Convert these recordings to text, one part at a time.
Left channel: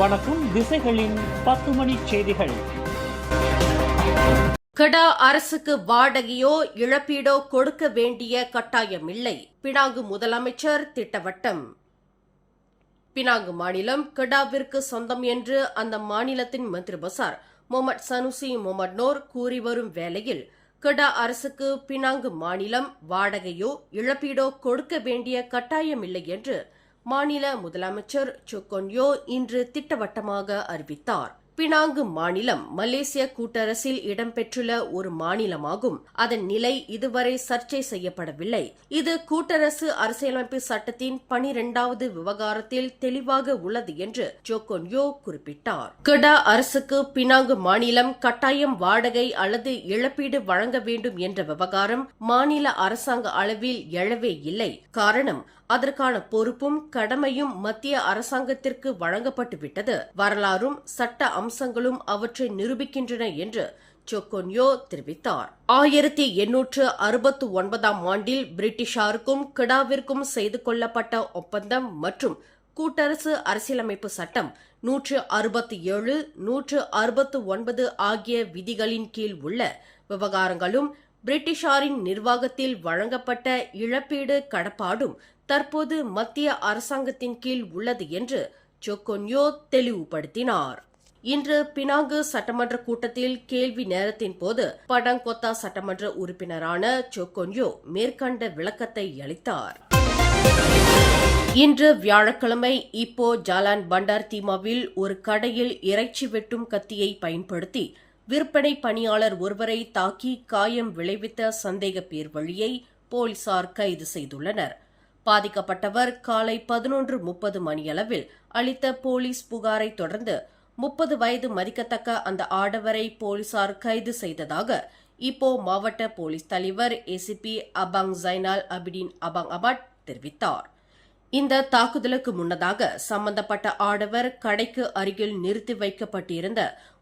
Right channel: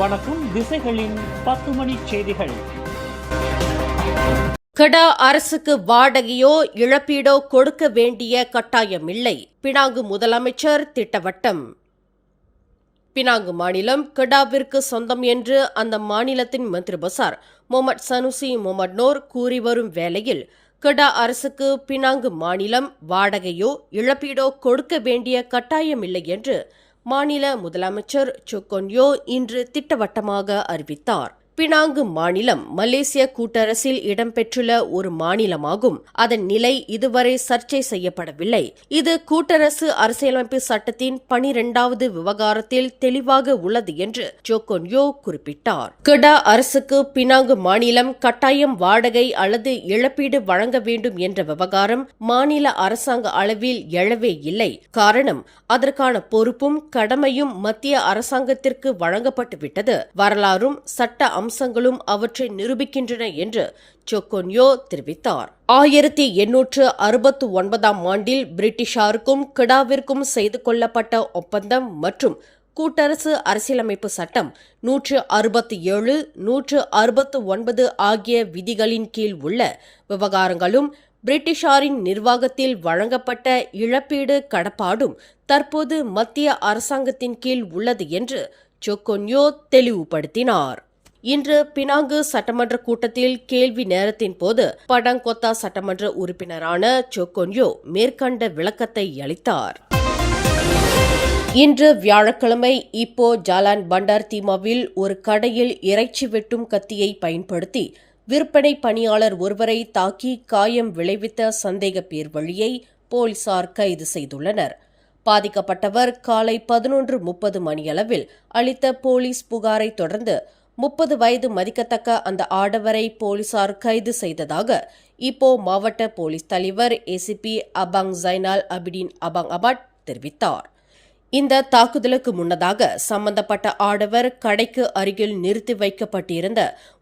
வணக்கம். திசைகளின் 10 மணி செய்திகள். கெடா அரசுக்கு வாடகையோ இழப்பீடோ கொடுக்க வேண்டிய கட்டாயமில்லை. பினாங்கு முதலமைச்சர் திட்டவட்டம். பினாங்கு மாநிலம் கெடாவிற்கு சொந்தம் என்று அந்த மாநிலத்தின் மந்திரி பசார் முகமது சனுசி முகமது நோர் கூறி வரும் வேளையில் கெடா அரசுக்கு பினாங்கு மாநிலம் வாடகையோ இழப்பீடோ கொடுக்க வேண்டிய கட்டாயமில்லை என்று மாநில முதலமைச்சர் சொக்கொன்யோ இன்று திட்டவட்டமாக அறிவித்தார். பினாங்கு மாநிலம் மலேசிய கூட்டரசில் இடம்பெற்றுள்ள ஒரு மாநிலமாகும். அதன் நிலை இதுவரை சர்ச்சை செய்யப்படவில்லை. இது கூட்டரசு அரசியலமைப்பு சட்டத்தின் 12வது விவகாரத்தில் தெளிவாக உள்ளது என்று ஜோகொன்யோ குறிப்பிட்டார். கெடா அரசுக்கு பினாங்கு மாநிலம் கட்டாயம் வாடகை அல்லது இழப்பீடு வழங்க வேண்டும் என்ற விவகாரம் மாநில அரசாங்க அளவில் எழவே இல்லை. காரணம், அதற்கான பொறுப்பும் கடமையும் மத்திய அரசாங்கத்திற்கு வழங்கப்பட்டுவிட்டது. வரலாறும் சட்ட அம்சங்களும் அவற்றை நிரூபிக்கின்றன என்று சொக்கொன்யோ தெரிவித்தார். 1869ஆம் ஆண்டில் பிரிட்டிஷாருக்கும் கெடாவிற்கும் செய்து கொள்ளப்பட்ட ஒப்பந்தம் மற்றும் கூட்டரசு அரசியலமைப்பு சட்டம் 167, 169 ஆகிய விதிகளின் கீழ் உள்ள விவகாரங்களும் பிரிட்டிஷாரின் நிர்வாகத்தில் வழங்கப்பட்ட இழப்பீடு கடப்பாடும் தற்போது மத்திய அரசாங்கத்தின் கீழ் உள்ளது என்று சொக்கொன்யோ தெளிவுபடுத்தினார். இன்று பினாங்கு சட்டமன்ற கூட்டத்தில் கேள்வி நேரத்தின் போது படங்கொத்தா சட்டமன்ற உறுப்பினரான சொக்கொன்யோ மேற்கண்ட விளக்கத்தை அளித்தார். இன்று வியாழக்கிழமை இப்போ ஜாலான் பண்டார் தீமாவில் ஒரு கடையில் இறைச்சி வெட்டும் கத்தியை பயன்படுத்தி விற்பனை பணியாளர் ஒருவரை தாக்கி காயம் விளைவித்த சந்தேக பேர் வழியை போலீசார் கைது செய்துள்ளனர். பாதிக்கப்பட்டவர் காலை 11:30 மணியளவில் அளித்த போலீஸ் புகாரை தொடர்ந்து 30 வயது மதிக்கத்தக்க அந்த ஆடவரை போலீசார் கைது செய்ததாக இப்போ மாவட்ட போலீஸ் தலைவர் ஏசிபி அபாங் ஜைனால் அபிடின் அபாங் அபாட் தெரிவித்தார். இந்த தாக்குதலுக்கு முன்னதாக சம்பந்தப்பட்ட ஆடவர் கடைக்கு அருகில் நிறுத்தி வைக்கப்பட்டிருந்த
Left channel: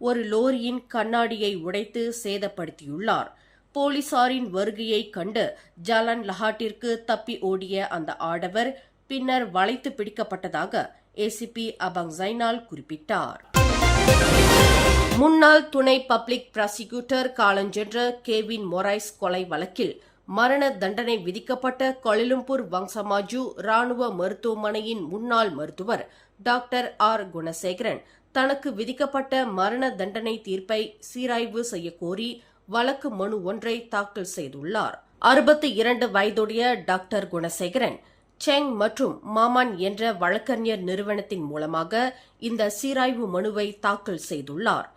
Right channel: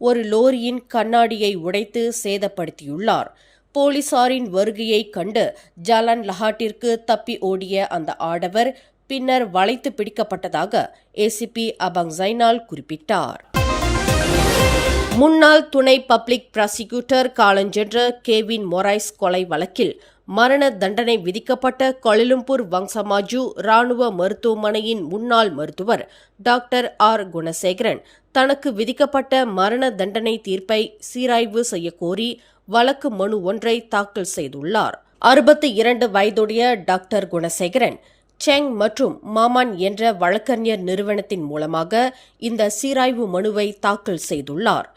ஒரு லோரியின் கண்ணாடியை உடைத்து சேதப்படுத்தியுள்ளார். போலீசாரின் வருகையை கண்டு ஜாலான் லஹாட்டிற்கு தப்பி ஓடிய அந்த ஆடவர் பின்னர் வளைத்து பிடிக்கப்பட்டதாக ஏசிபி அபாங் ஜைனால் குறிப்பிட்டார். முன்னாள் துணை பப்ளிக் ப்ராசிக்யூட்டர் காலஞ்சென்ற கேவின் மொரைஸ் கொலை வழக்கில் மரண தண்டனை விதிக்கப்பட்ட கோலாலம்பூர் வங்சமாஜு ராணுவ மருத்துவமனையின் முன்னாள் மருத்துவர் டாக்டர் ஆர் குணசேகரன் தனக்கு விதிக்கப்பட்ட மரண தண்டனை தீர்ப்பை சீராய்வு செய்யக்கோரி வழக்கு மனு ஒன்றை தாக்கல் செய்துள்ளார். 62 வயதுடைய டாக்டர் குணசேகரன் செங் மற்றும் மாமான் என்ற வழக்கறிஞர் நிறுவனத்தின் மூலமாக இந்த சீராய்வு மனுவை தாக்கல் செய்துள்ளார்.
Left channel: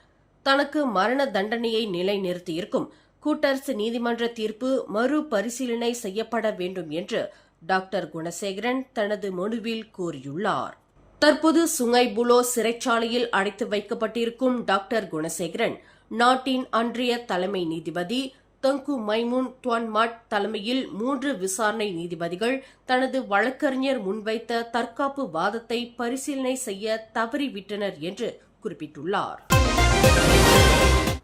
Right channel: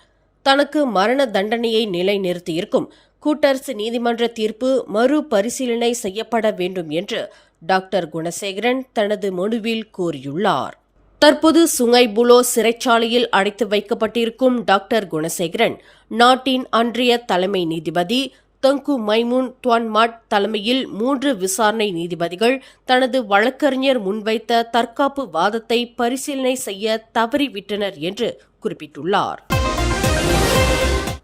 தனக்கு மரண தண்டனையை நிலைநிறுத்தியிருக்கும் கூட்டரசு நீதிமன்ற தீர்ப்பு மறுபரிசீலனை செய்யப்பட வேண்டும் என்று டாக்டர் குணசேகரன் தனது மனுவில் கோரியுள்ளார். தற்போது சுங்கை புலோ சிறைச்சாலையில் அடைத்து வைக்கப்பட்டிருக்கும் டாக்டர் குணசேகரன் நாட்டின் அன்றைய தலைமை நீதிபதி தங்கு மைமூன் துவான்மாட் தலைமையில் 3 விசாரணை நீதிபதிகள் தனது வழக்கறிஞர் முன்வைத்த தற்காப்பு வாதத்தை பரிசீலனை செய்ய தவறிவிட்டனர் என்று குறிப்பிட்டுள்ளார்.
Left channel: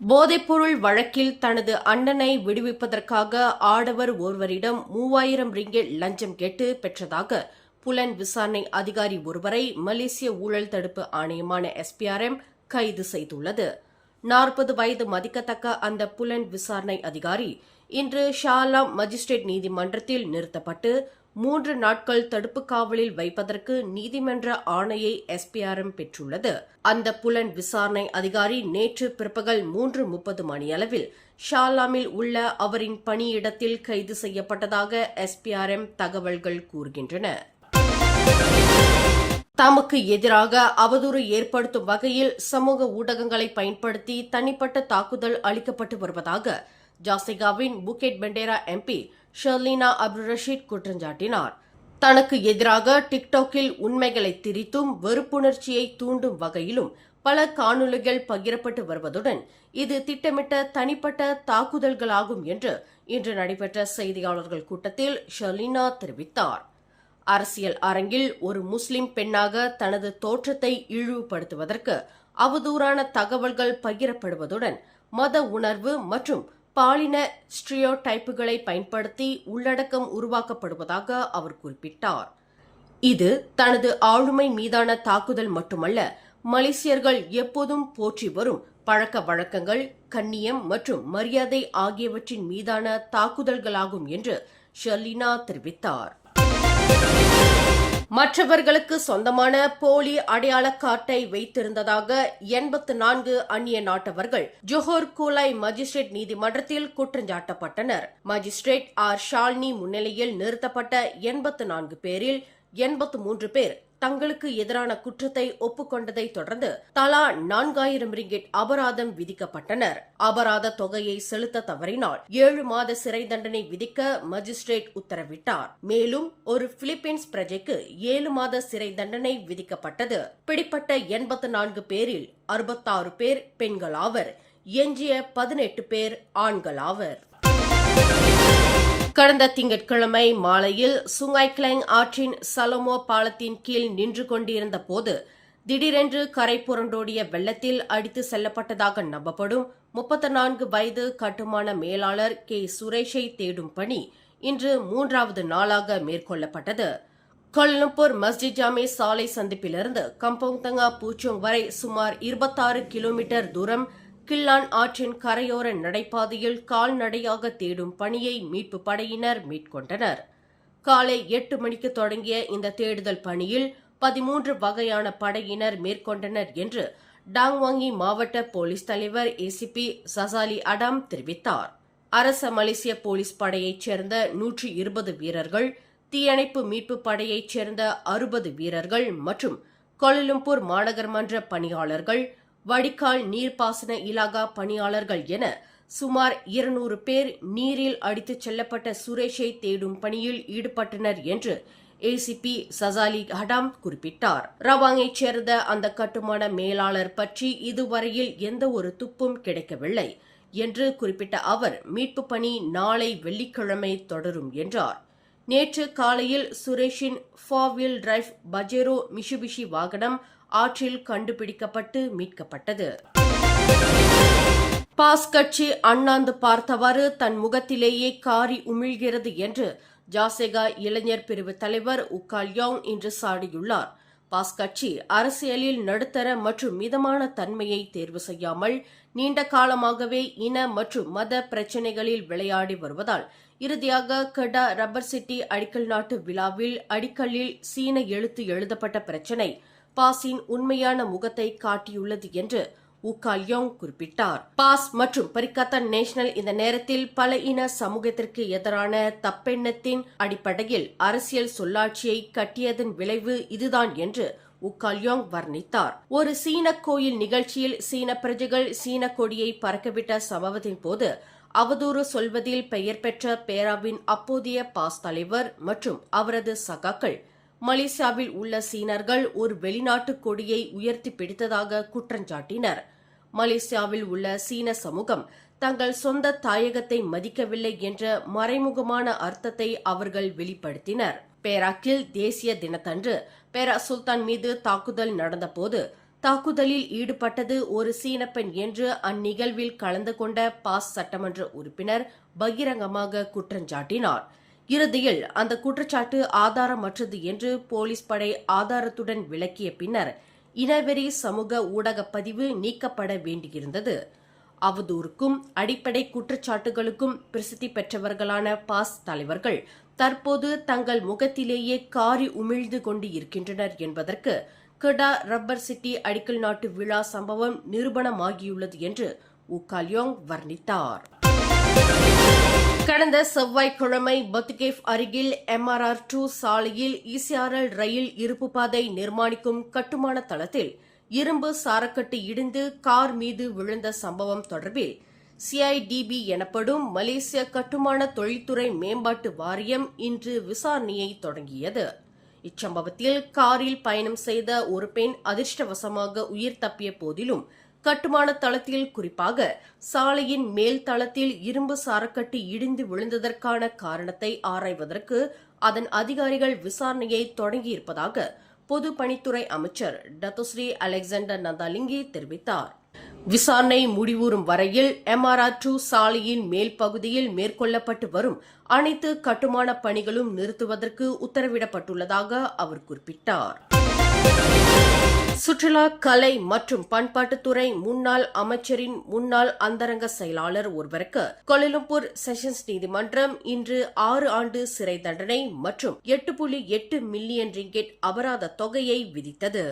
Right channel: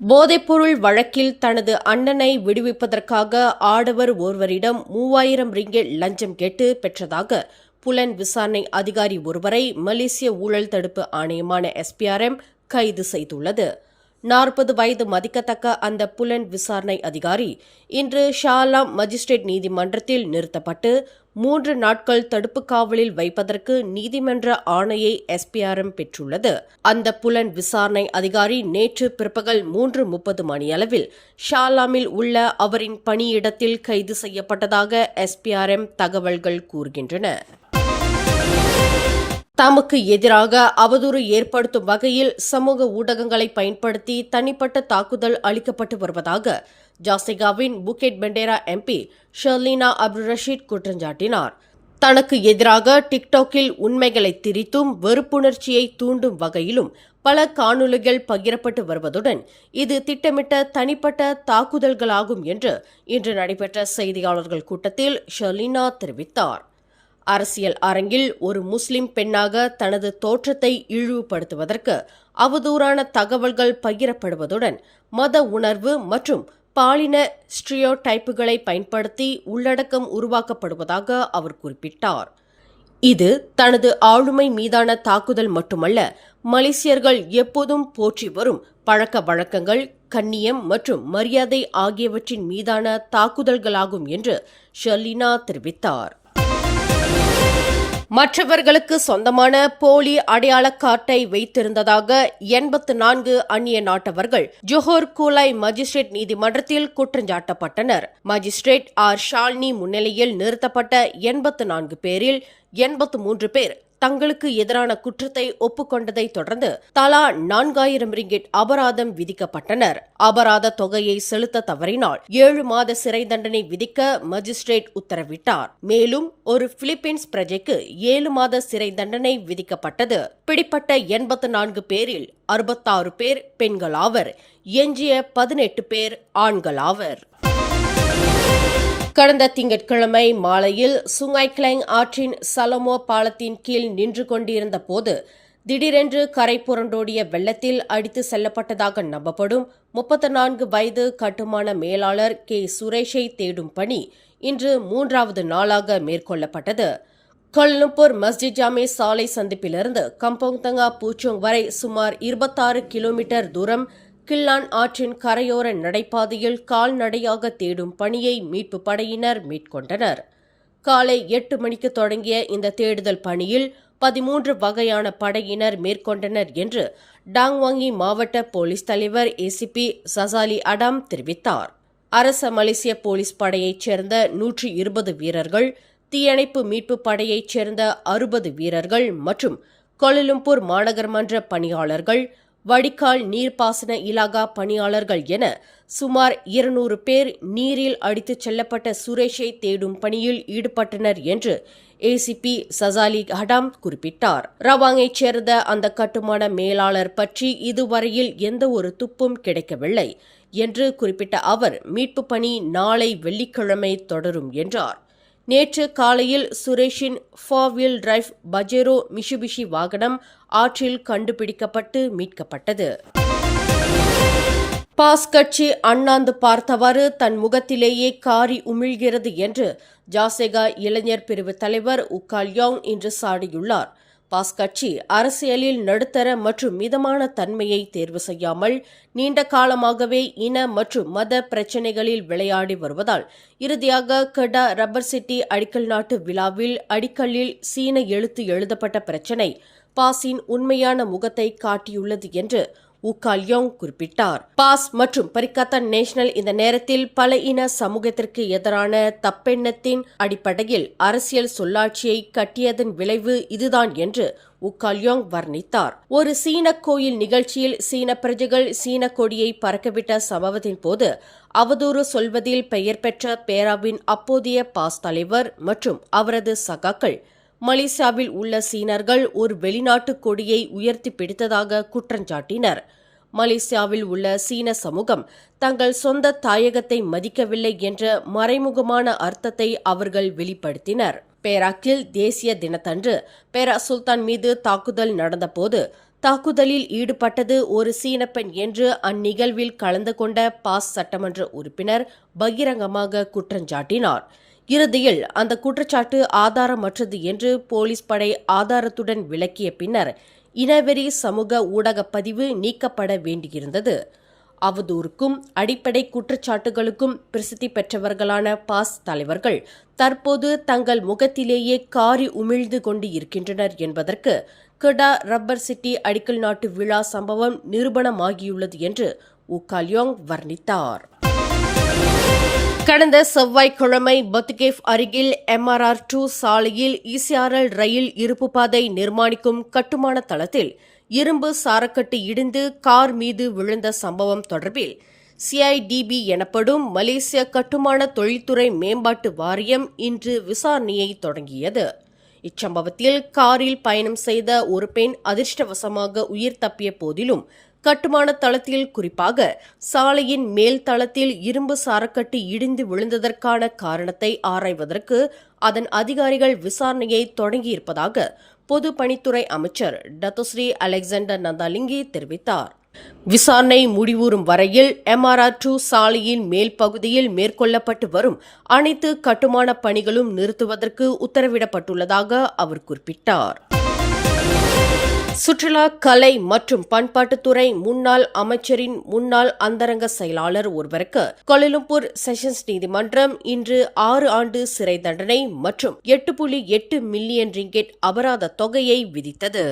போதைப்பொருள் வழக்கில் தனது அண்ணனை விடுவிப்பதற்காக ஆடவர் ஒருவரிடம் 3000 ரிங்கெட் லஞ்சம் கேட்டு பெற்றதாக புலன் விசாரணை அதிகாரி ஒருவரை மலேசிய ஊழல் தடுப்பு ஆணையமான SPRM கைது செய்துள்ளது. 40 வயது மதிக்கத்தக்க அந்த புலன் விசாரணை அதிகாரி இன்று ஷாலாம் மஜிஸ்ட்ரேட் நீதிமன்றத்தில் நிறுத்தப்பட்டு 3 நாட்கள் தடுப்பு காவலில் வைப்பதற்கு நீதிமன்ற ஆணையை SPRM பெற்றுள்ளது. அந்த புலன் விசாரணை அதிகாரி நேற்று பிற்பகல் 3:30 மணியளவில் ஷாலாமில் உள்ள அவரின் பணியிடத்தில் கைது செய்யப்பட்டதாக SPRM தகவல்கள் கூறுகின்றன. தமக்கு எதிராக அவதூறு ஏற்படுத்தும் வகையில் சமூக ஊடகங்களை பயன்படுத்தி தனிப்பட்ட தாக்குதல் அளிக்கப்பட்டு வருவதாக ஜாசிகாவின் புக்கெட் பெண்டேரா MP ஷர்லினா அப்துல் ரஷீத் குற்றஞ்சாட்டினார். தனக்கு எதிராக டிக்டாக்கில் உண்மைகளை திரித்தும் வெறுப்புணர்ச்சியை தூண்டும் வகையிலும் பல காணொலிகள் பகிரப்பட்டு வருவதுடன் இது திட்டமிட்ட தனிப்பட்ட தாக்குதல்களாகும் என்று இன்று நடைபெற்ற செய்தியாளர்கள் கூட்டத்தில் ஷர்லினா தெரிவித்தார். அரசியல் அரங்கில் ஒரு முஸ்லிம் பெண்ணாக தனது தோற்றத்தை இழிவுபடுத்துவதற்கு அவதூறான தகவல்கள் பகிரப்படுவதுடன் மத உணர்வு மற்றும் பாலின ஸ்டீரியோடைப்புகளை பயன்படுத்தி உள்ளடக்கம் உருவாக்கப்படுவதாக அவர் குறிப்பிட்டார். இது தனது ஆளுமை மீதான தாக்குதல் மட்டுமல்ல, மலேசியர்கள் எப்போதும் போற்றி வரும் பழக்க வழக்கங்கள், கண்ணியம் மற்றும் மரியாதை ஆகியவற்றின் மீதான தாக்குதல்களாகும் என்று ஷர்லினா தெரிவித்தார். மற்றவர்களுக்கு சொந்தமான போலி அடையாள கார்டை வைத்திருந்ததாக 84 அந்நிய நாட்டவர்கள் ஜோஹர் கூலாய் மஜிஸ்ட்ரேட் நீதிமன்றத்தில் குற்றஞ்சாட்டப்பட்டனர். மஜிஸ்ட்ரேட் ஆர் ஷால்னி முன்னிலையில் நிறுத்தப்பட்ட 84 பேரில் 83 பேர் தங்களுக்கு எதிரான குற்றத்தை ஒப்புக்கொண்டதை தொடர்ந்து தலா 4000 ரிங்கிட் அபராதம் விதிக்கப்பட்டனர். அபராத தொகையை செலுத்த தவறினால் 7 மாத சிறை தண்டனை விதிக்க மஜிஸ்ட்ரேட் உத்தரவிட்டார். மேலும் ஒரு பிலிப்பீன்ஸ் பிரஜைக்கு 7 மாத சிறை தண்டனை விதிக்கப்பட்டது. பிடிப்பட்ட 84 பேரில் 66 பேர் பெண்களாவர். எஞ்சிய 18 பேர் ஆண்களாவர். கடந்த திங்கட்கிழமை மாலையில் சுங்காய் கிளாங் ஆற்றின் சலமோ பாலத்தின் கீழ் நின்று கொண்டிருந்த போது திடீரென்று கரை புரண்டோடிய வெள்ளத்தில் அடித்து செல்லப்பட்டதாக நம்பப்படும் 34 வயது கட்டுமான மேலாளர் கே சுரேஷை தேடும் பணி இன்று 3வது நாளாக மேற்கொள்ளப்பட்டது. கோலாலம்பூர் மஸ்ஜித் ஜாமே சாலை சந்திப்பிலிருந்து கம்போங் தங்கா பூச்சோங் வரை சுமார் 26 கிலோமீட்டர் தூரம் கில்லான் ஆற்றின் கரையோர நடைபாதையில் கால்நடையாக தேடும் பணியை மீட்பு படையினர் மேற்கொண்டனர். காலை 8 மணிக்கு தொடங்கிய இந்த தேடுதல் பணியில் 13 வகையான படையினர் மேற்கொண்டனர் என்று டாங்வாங்கி மாவட்ட போலீஸ் தலைவர் ஏசிபி சசாலி அடாம் தெரிவித்தார். அரச மலேசிய போலீஸ் படையைச் சேர்ந்த 120 வீரர்கள், தீயணைப்பு மீட்பு படையைச் சேர்ந்த 60 வீரர்கள் மற்றும் கோலாலம்பூர் மாநகர்மன்ற பணியாளர்கள், வடிகால் நீர்ப்பாசன இலாகா பணியாளர்கள் என சுமார் 200 பேர் நீரில் அடித்துச் செல்லப்பட்ட சுரேஷை தேடும் பணியில் ஈடுபட்டனர் என்று ஏசிபி சசாலி ஹடாம் குறிப்பிட்டார். ரவாங்கைச் சேர்ந்த அந்த கட்டுமான மேலாளர் பற்றி இதுவரையில் எந்த ஒரு துப்பும் கிடைக்கவில்லை என்று குறிப்பிட்ட அவர் மீட்பு பணி நாளை வெள்ளிக்கிழமை தொடரும் என்றார். நேற்று காலையில் சுரேஷின் 4-வீல் டிரைவ் பஜேரோ மிஷுபிஷி வாகனம் ஆற்றில் கண்டுபிடிக்கப்பட்டு மீட்கப்பட்டது. பாஸ் கட்சி அண்ணாந்து பார்த்தவாறு தன் முகத்திலேயே காரி உமிழ்கிறது என்று ஜாசெகா இளைஞர் பிரிவு தலைவர் உக்கால்யோங் இன்று சாடியுள்ளார். பாஸ் கட்சி அரசியலில் நடுத்தர மற்றும் மிதமான தன்மையை தேர்வு செய்யாமல் நீண்ட காலமாகவே இன மற்றும் மத பிரச்சினைகளில் விளையாடி வருவதால் இறுதியாக கடா ரப்பர் சிட்டி அடிக்கல் நாட்டு விழாவில் அடிக்கல்லில் சீன எழுத்து எழுதப்பட்ட பிரச்சினை பாஸின் உண்மையான முகத்தை காட்டியுள்ளது என்று உக்கால்யோங் குறிப்பிட்டார். பாஸ் மற்றும் பரிகாத்தன் நேஷனல் இந்த நேரத்தில் பல இன சமூகத்திற்கு எதிரான தப்பெண்ணத்தின் அடிப்படையில் அரசியல் சொல்லாட்சியை கட்டியதன் விளைவு இதுதான் என்று உக்கால்யோங் வர்ணித்தார். ஒரு சீன கோயில் நிகழ்ச்சியில் சீன பிரஜைகள் சீன கொடியை பறக்கவிட்ட சம்பவத்தின் போது அவதூறு சொல்வதில் பெயர் பெற்ற பேராவின் அப்போதைய பாஸ் தலைவர் மற்றும் அவரது சகாக்கள் மலேசியாவில் உள்ள சீனர்கள் ஒரு வெளிநாட்டு கொடியை உயர்த்தி பிடித்ததாக குற்றஞ்சாட்டினர். மலேசியாவில் உள்ள சீன சமூகம் தங்கள் சொந்த தாயகத்தை மதிக்கவில்லை என்ற மறைமுகமான அர்த்தத்தை அவர்கள் வெளிப்படுத்தினர். பேராக்கில் தேசிய தினத்தன்று பேரா சுல்தான் மீது தாக்குதல் நடந்தபோது தாக்குதலில் ஈடுபட்டது ஒரு சீன பெண் என்று அந்நிகழ்வில் கலந்து கொண்ட பாஸ் சட்டமன்ற உறுப்பினர் பகிரங்கமாக குற்றஞ்சாட்டினார். இறுதியில் அந்த குற்றச்சாட்டு ஆதாரமற்றது என்று போலீஸ் படை ஆதாரத்துடன் விளக்கிய பின்னர் இனவெறி சமூக ஊடக பதிவு நீக்கப்பட வேண்டியிருந்தது. அவதூறுக்கும் அடிப்படை குற்றச்சாட்டுகளுக்கும் பிரசித்தி பெற்றவர்களான பாஸ் தலைவர்கள் தற்போது தங்கள் முகத்திலேயே காரி உமிழ்ந்து கொண்டு இருக்கின்றனர் என்பதற்கு கடா ரப்பர் சிட்டி அடிக்கல் நாட்டு விழா சம்பவம் நிரூபணமாகியுள்ளது என்று உக்கால்யோங் வர்ணித்தார். கடந்த செவ்வாய்க்கிழமை பத்துகேஃப் அருகில் MRR2 சாலையில் ECRL ரயில் இருப்பு பாதை நிர்மாணிக்கும் கட்டுமான தளத்தில் இரும்பு சாரக்கட்டு இடிந்து கார் மீது விழுந்த சம்பவம் தொடர்பில் CIDB எனப்படும் மலேசிய கட்டுமான தொழில்துறை மேம்பாட்டு வாரியம் இன்று விசாரணையை தொடங்கியது. இச்சம்பவத்தில் காரில் பயணம் செய்த ஒரு பெண் அதிர்ஷ்டவசமாக உயிர் தப்பிய போதிலும் கட்டுமான தளத்தில் குறிப்பாக சாலையின் மேல் தளத்தில் இரும்பு சாரக்கட்டு இடிந்து விழுந்ததற்கான காரணத்தை ஆராய்வதற்கு அதன் அதிகாரிகள் விசாரணையை தொடங்கியிருப்பதாக பொதுப்பணித்துறை அமைச்சர் டத்தோஸ்ரீ அலெக்சாண்டர் நந்தாலிங்கி தெரிவித்தார். விசாரணை முடிவுறும் வரையில் MRR2 சாலையின் மேல் பகுதியில் மேற்கொள்ளப்பட்டு வரும் அனைத்து கட்டுமான பணிகளும் நிறுத்துவதற்கு உத்தரவிடப்பட்டுள்ளதாக அவர் குறிப்பிட்டார். சுற்றுலா, கலை மற்றும் பண்பாட்டுத்துறை முன்னாள் அமைச்சரின் முன்னாள் அந்தரங்க செயலாளர் ஒருவருக்கு கோலாலம்பூர் செஷன்ஸ் நீதிமன்றம் இன்று 6 ஆண்டு சிறை தண்டனை மற்றும் 8.8 மில்லியன் ரிங்கெட் அபராத தொகையை விதித்தது.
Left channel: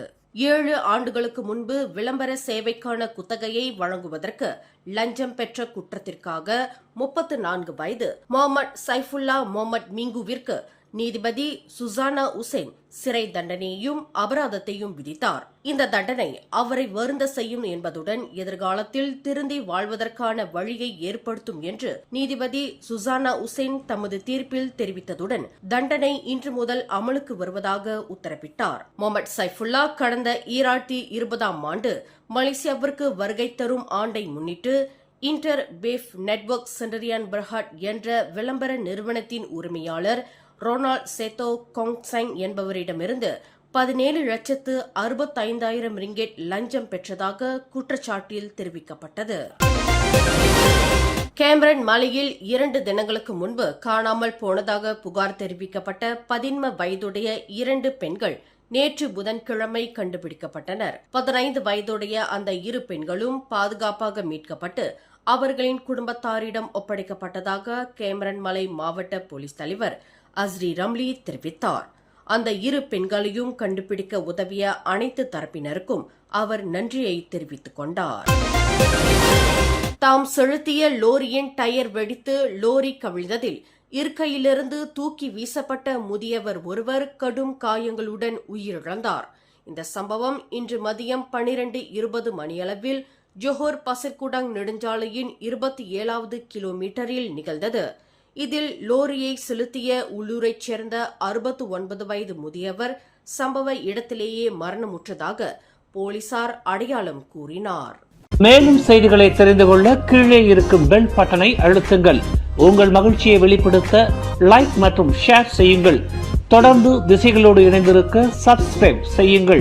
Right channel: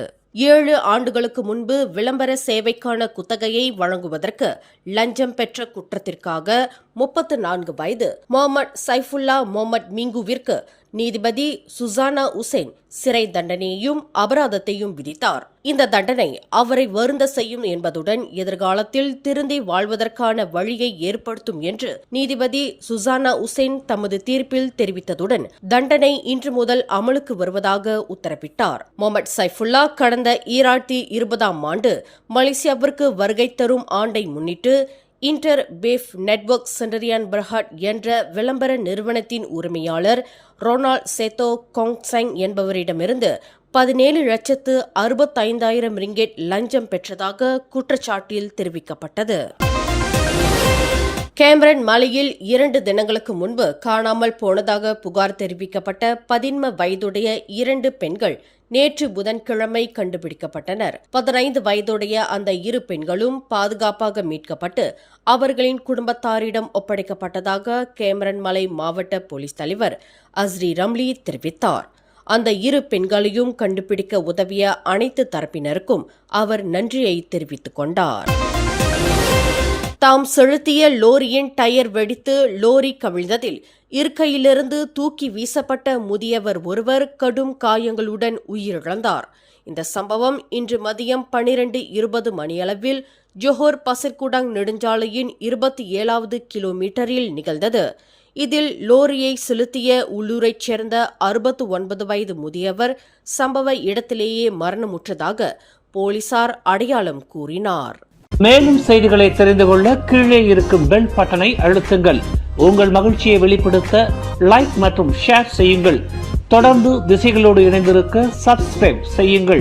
7 ஆண்டுகளுக்கு முன்பு விளம்பர சேவைக்கான குத்தகையை வழங்குவதற்கு லஞ்சம் பெற்ற குற்றத்திற்காக 34 வயது முகமது சைஃபுல்லா முகமது மிங்குவிற்கு நீதிபதி சுசானா உசேன் சிறை தண்டனையையும் அபராதத்தையும் விதித்தார். இந்த தண்டனை அவரை வருந்த செய்யும் என்பதுடன் எதிர்காலத்தில் திருந்தி வாழ்வதற்கான வழியை ஏற்படுத்தும் என்று நீதிபதி சுசானா உசேன் தமது தீர்ப்பில் தெரிவித்ததுடன் தண்டனை இன்று முதல் அமலுக்கு வருவதாக உத்தரவிட்டார். முகமது சைஃபுல்லா கடந்த 2020ஆம் ஆண்டு மலேசியாவிற்கு வருகை தரும் ஆண்டை முன்னிட்டு இன்டர் பேஃப் நெட்வொர்க் சென்டரியான் பர்ஹாட் என்ற விளம்பர நிறுவனத்தின் உரிமையாளர் ரொனால்ட் சேத்தோ கோங்சங் என்பவரிடமிருந்து 17,65,000 ரிங்கெட் லஞ்சம் பெற்றதாக குற்றச்சாட்டில் தெரிவிக்கப்பட்டது. கேமரன் மலையில் 2 தினங்களுக்கு முன்பு காணாமல் போனதாக புகார் தெரிவிக்கப்பட்ட 11 வயதுடைய 2 பெண்கள் நேற்று புதன்கிழமை கண்டுபிடிக்கப்பட்டனர். 15 வயதுடைய அந்த 2 பெண்களும் பாதுகாப்பாக மீட்கப்பட்டு அவர்களின் குடும்பத்தாரிடம் ஒப்படைக்கப்பட்டதாக கேமரன் மலை மாவட்ட போலீஸ் தலைவர் அஸ்ரி ரம்லி தெரிவித்தார். அந்த 2 பெண்களையும் கண்டுபிடிக்க உதவிய அனைத்து தரப்பினருக்கும் அவர் நன்றியை தெரிவித்துக் கொண்டார். தாம் செலுத்திய லோரியின் டயர் வெடித்து லோரி கவிழ்ந்ததில் இருக்கையிலிருந்து தூக்கி வீசப்பட்ட முதியவர் ஒருவர் கடும் காயங்களுடன் உயிரிழந்தார். இந்த சம்பவம் இன்று மதியம் 12:20 மணியளவில் ஜோஹர் பசிர்குடாங் நெடுஞ்சாலையின் 27வது கிலோமீட்டரில் நிகழ்ந்தது. இதில் லோரியை செலுத்திய உள்ளூரைச் சேர்ந்த 69 வயது முதியவர் சம்பவ இடத்திலேயே மரணமுற்றதாக போலீசார் அடையாளம் கூறினார். மேலும் செய்திகளை தெரிந்து கொள்ள கீழே இருக்கும் பெல் பட்டனை அழுத்துங்கள். உங்கள் மகிழ்ச்சியை வெளிப்படுத்த லைக் மற்றும் ஷேர் செய்யுங்கள். தொடர்ந்து திசைகளோடு இணைந்திருக்க சப்ஸ்கிரைப் செய்யுங்கள்.